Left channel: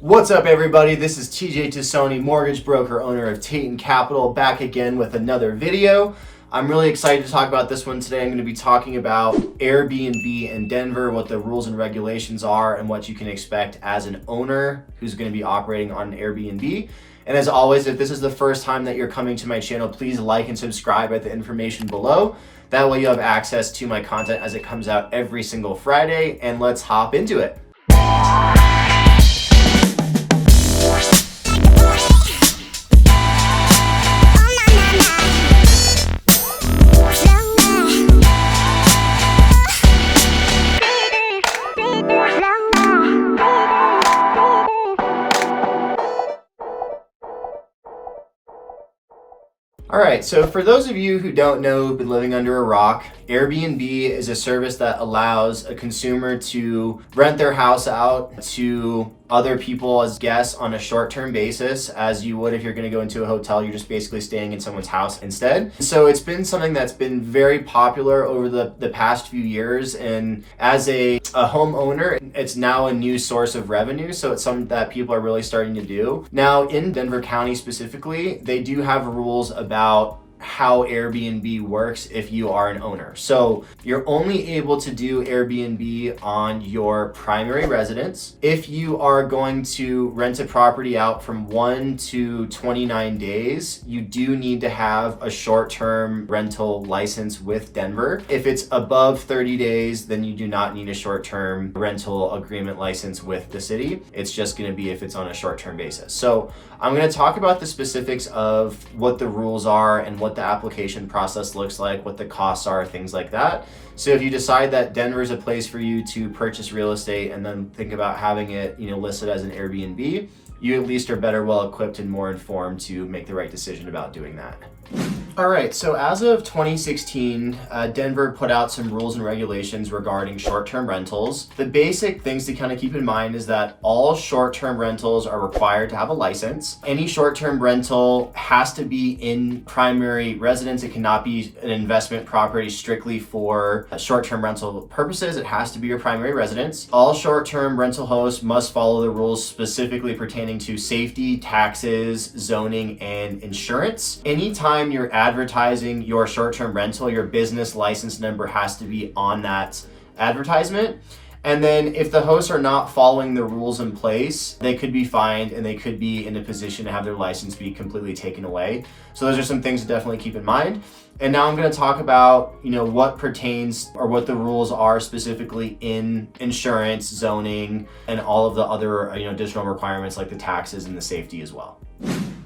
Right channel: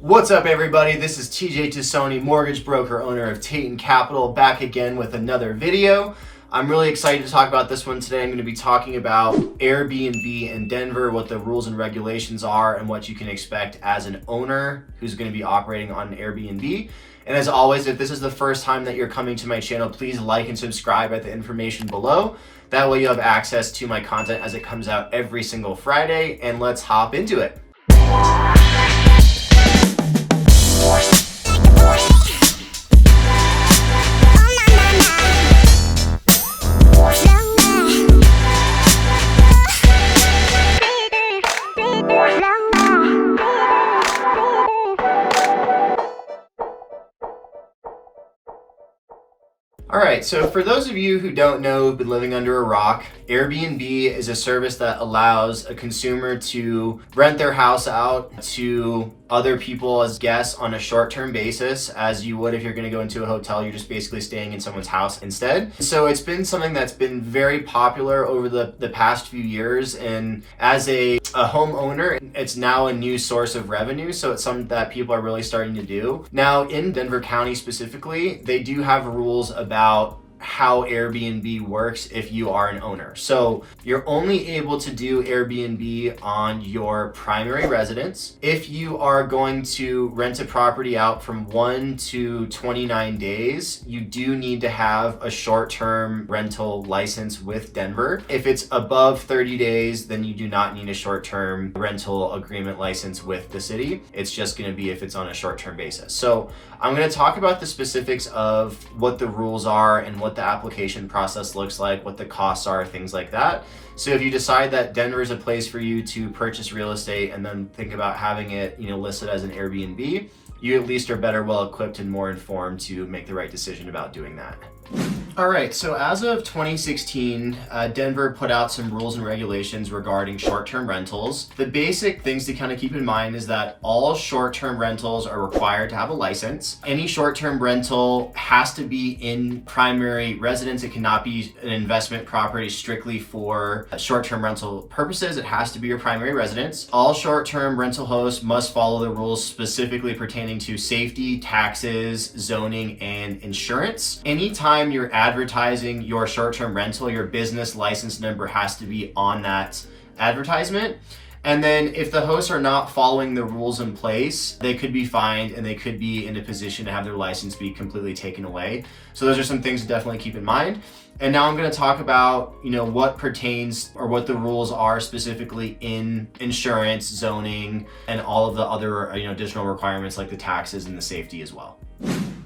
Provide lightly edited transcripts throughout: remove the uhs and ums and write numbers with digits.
What's up, everybody? This is TJ Tassone, mortgage broker, owner of Tatum Capital, back again with another video. I'm really excited to talk about this one today. I'm going to be talking about Airbnb in Denver, what the rules and regulations are, and what you can expect as an owner who's going to be operating on an Airbnb. And as always, if this is the first time that you're coming to my channel, please like and subscribe at the information below. That way you have access to my content as it comes out every single Friday, and let's hop into it. All right, so for those of you who don't know, who've been living under a rock, Airbnb is a service that allows a consumer to rent their house out to other people as guests on a short-term basis, as you would if you're gonna go into a hotel. You're just basically staying in someone's house instead. So it's been something that's been very popular over the past few years, and as a homeowner, it's now a new source of revenue, so it's something that people are really starting to do. Now, in Denver County specifically, they do have rules about how Airbnb works if you are an owner. So you're only able to do Airbnb on your primary residence. If you are going to rent a property out from 1 to 29 days, you do need to have a short-term rental license with Denver. If it's above 30 days, then you do not need a short-term rental agreement license with the city. It's just going to be if it's on a short-term basis. So I'm going to talk about the specifics of what the rules are and what the application process looks like, what the costs are, things like that. So if you decide that Denver is a place for you to purchase real estate and then think about having it, listed as an Airbnb, you at least are better well equipped and more informed to make the right decision about doing that. All right, so as of 2016, Denver put out some rules and regulations regarding short-term rentals. The basic things to kind of keep in mind is that all short-term rentals are required to have a license. Any short-term rental has to be in primary residence. It cannot be an investment property strictly for short-term rental purposes. It has to be your primary residence. All short-term rental hosts must follow the rules specifically pertaining to safety, taxes, zoning, and insurance. Anytime you're advertising your short-term rental, your business license number has to be on that advertisement. And then if the hosts are not following the rules in place, they could be fined and they could be in a position to have their license be completely taken away. So those are some things to definitely keep in mind. And now I'm going to talk about, what pertains or what the rules are specifically in insurance, zoning, and all of the other, additional requirements like the taxes and the safety as well.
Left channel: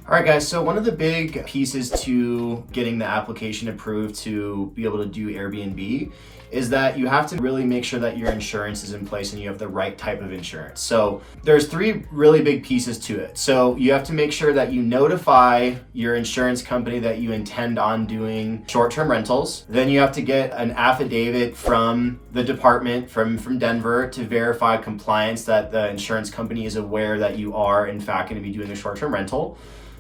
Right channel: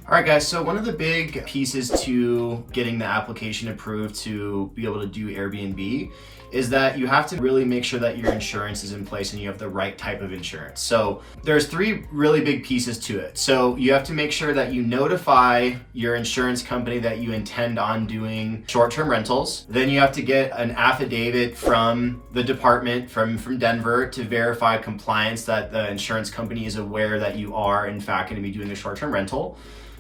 All right, guys, so one of the big pieces to getting the application approved to be able to do Airbnb is that you have to really make sure that your insurance is in place and you have the right type of insurance. So there's 3 really big pieces to it. So you have to make sure that you notify your insurance company that you intend on doing short-term rentals. Then you have to get an affidavit from the department from Denver to verify compliance that the insurance company is aware that you are in fact going to be doing a short-term rental.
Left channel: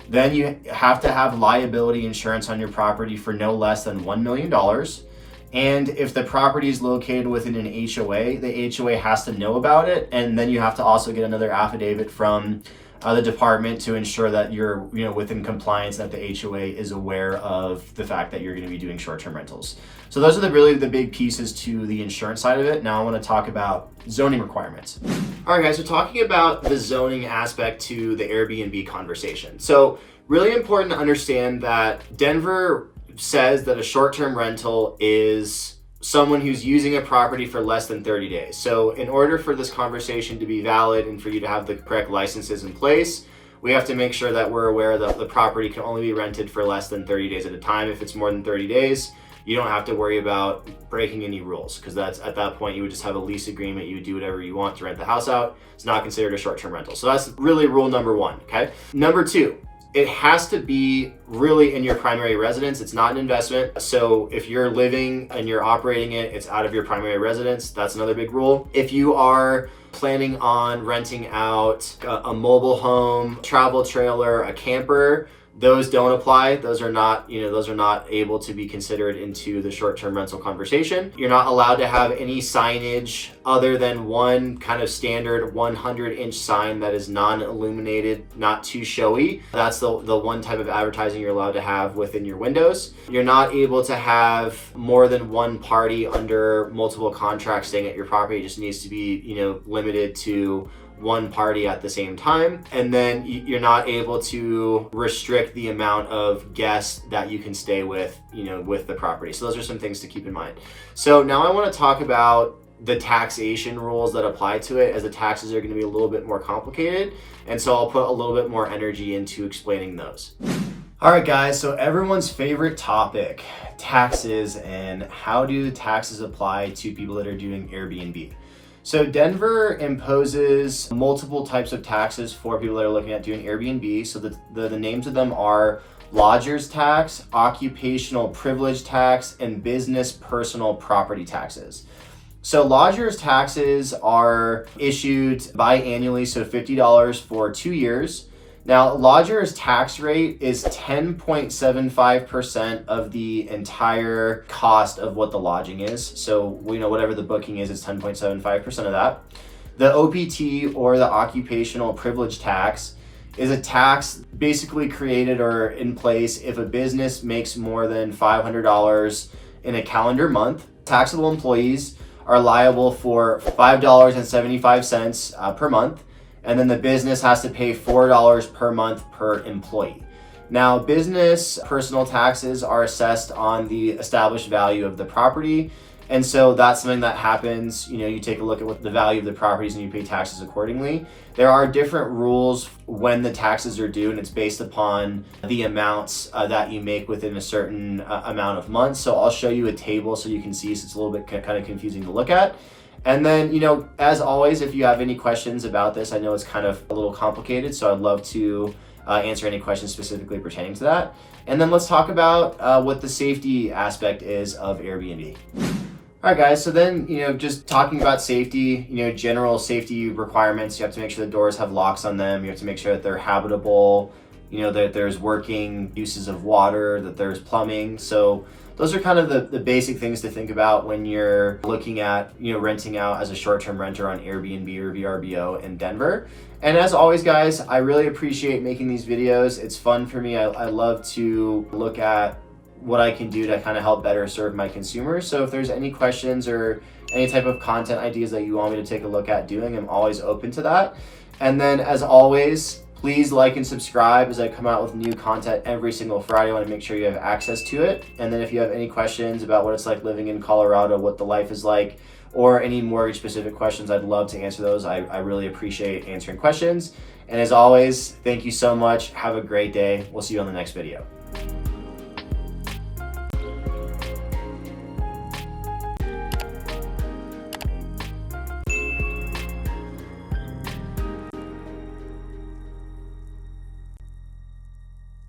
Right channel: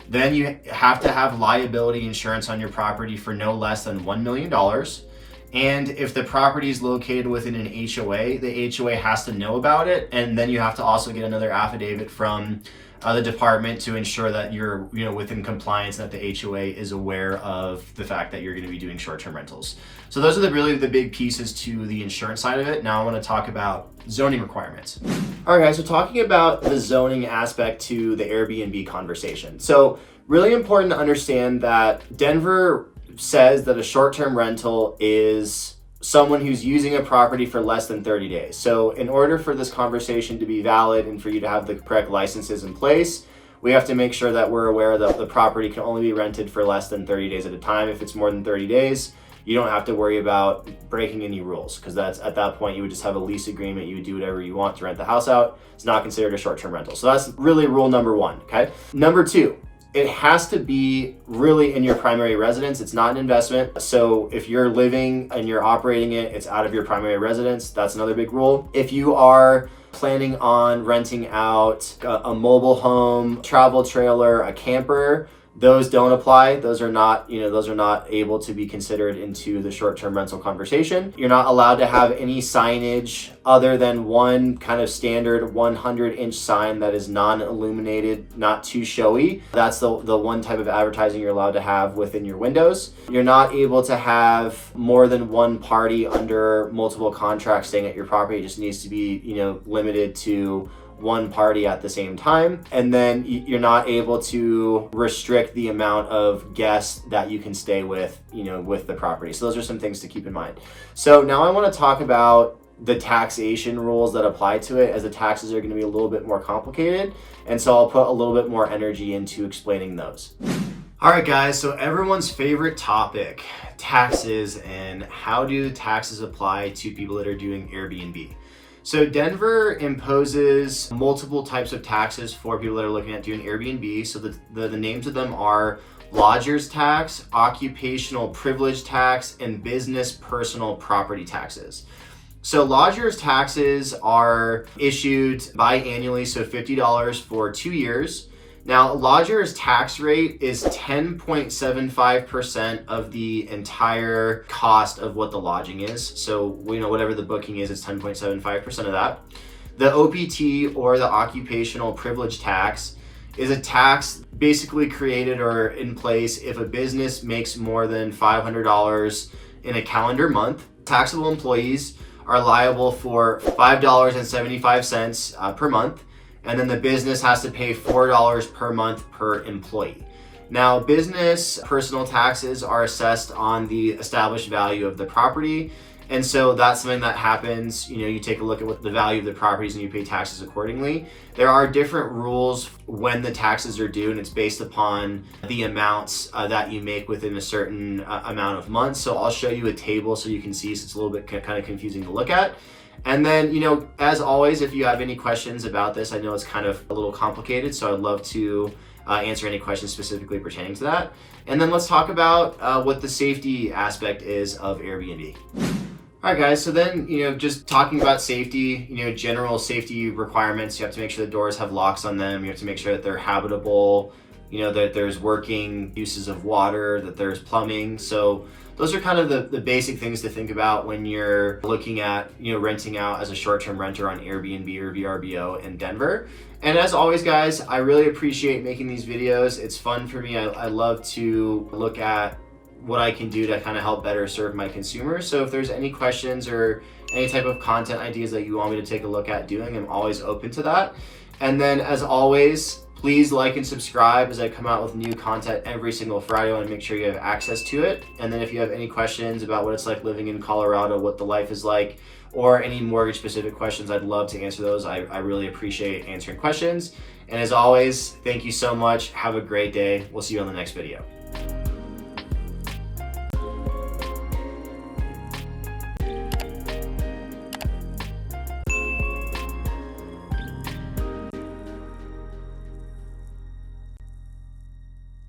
Then you have to have liability insurance on your property for no less than $1 million. And if the property is located within an HOA, the HOA has to know about it. And then you have to also get another affidavit from the department to ensure that you're within compliance, that the HOA is aware of the fact that you're going to be doing short-term rentals. So those are really the big pieces to the insurance side of it. Now I want to talk about zoning requirements. All right, guys, so talking about the zoning aspect to the Airbnb conversation. So really important to understand that Denver says that a short-term rental is someone who's using a property for less than 30 days. So in order for this conversation to be valid and for you to have the correct licenses in place, we have to make sure that we're aware that the property can only be rented for less than 30 days at a time. If it's more than 30 days, you don't have to worry about breaking any rules, because that's at that point you would just have a lease agreement. You would do whatever you want to rent the house out. It's not considered a short-term rental. So that's really rule number 1, okay? Number 2, it has to be really in your primary residence. It's not an investment. So if you're living and you're operating it, it's out of your primary residence. That's another big rule. If you are planning on renting out a mobile home, travel trailer, a camper, those don't apply. Those are not able to be considered into the short-term rental conversation. You're not allowed to have any signage other than one kind of standard 100-inch sign that is non-illuminated, not too showy. That's the one type of advertising you're allowed to have within your windows. You're not able to have more than one party under multiple contracts staying at your property. It just needs to be, limited to one party at the same time. And then you're not able to restrict the amount of guests that you can stay with, with the property. So those are some things to keep in mind. So now I want to talk about the taxation rules that apply to it, as the taxes are going to be a little bit more complicated. And so I'll put a little bit more energy into explaining those. All right, guys, so everyone's favorite topic, taxes, and how do taxes apply to people that are doing Airbnb. So Denver imposes multiple types of taxes for people that are looking at doing Airbnb. So the names of them are lodger's tax, occupational privilege tax, and business personal property taxes. So lodger's taxes are issued biannually, so $50 for 2 years. Now, lodger's tax rate is 10.75% of the entire cost of what the lodging is. So, whatever the booking is, it's 10.75% of that. The OPT, or the occupational privilege tax, is a tax basically created or in place if a business makes more than $500 in a calendar month. Taxable employees are liable for $5.75 per month. And then the business has to pay $4 per month per employee. Now, business personal taxes are assessed on the established value of the property. And so that's something that happens, you take a look at what the value of the properties and you pay taxes accordingly. There are different rules when the taxes are due, and it's based upon the amounts that you make within a certain amount of months. So I'll show you a table so you can see, so it's a little bit kind of confusing to look at. And then, as always, if you have any questions about this, I know it's kind of a little complicated, so I'd love to answer any questions specifically pertaining to that. And then let's talk about what the safety aspect is of Airbnb. All right, guys, so then, just talking about safety, general safety requirements. You have to make sure the doors have locks on them. You have to make sure that they're habitable, that there's working uses of water, that there's plumbing. So those are kind of the basic things to think about when you're looking at, renting out as a short-term renter on Airbnb or VRBO in Denver. And as always, guys, I really appreciate making these videos. It's fun for me. I love to look at what I can do to kind of help better serve my consumers. So if there's any questions or any type of content ideas that you want me to take a look at doing, I'm always open to that. And then as always, please like and subscribe as I come out with new content every single Friday. I want to make sure you have access to it. And then if you have any questions about what it's like living in Colorado, what the life is like, or any mortgage specific questions, I'd love to answer those. I really appreciate answering questions. And as always, thank you so much. Have a great day. We'll see you on the next video.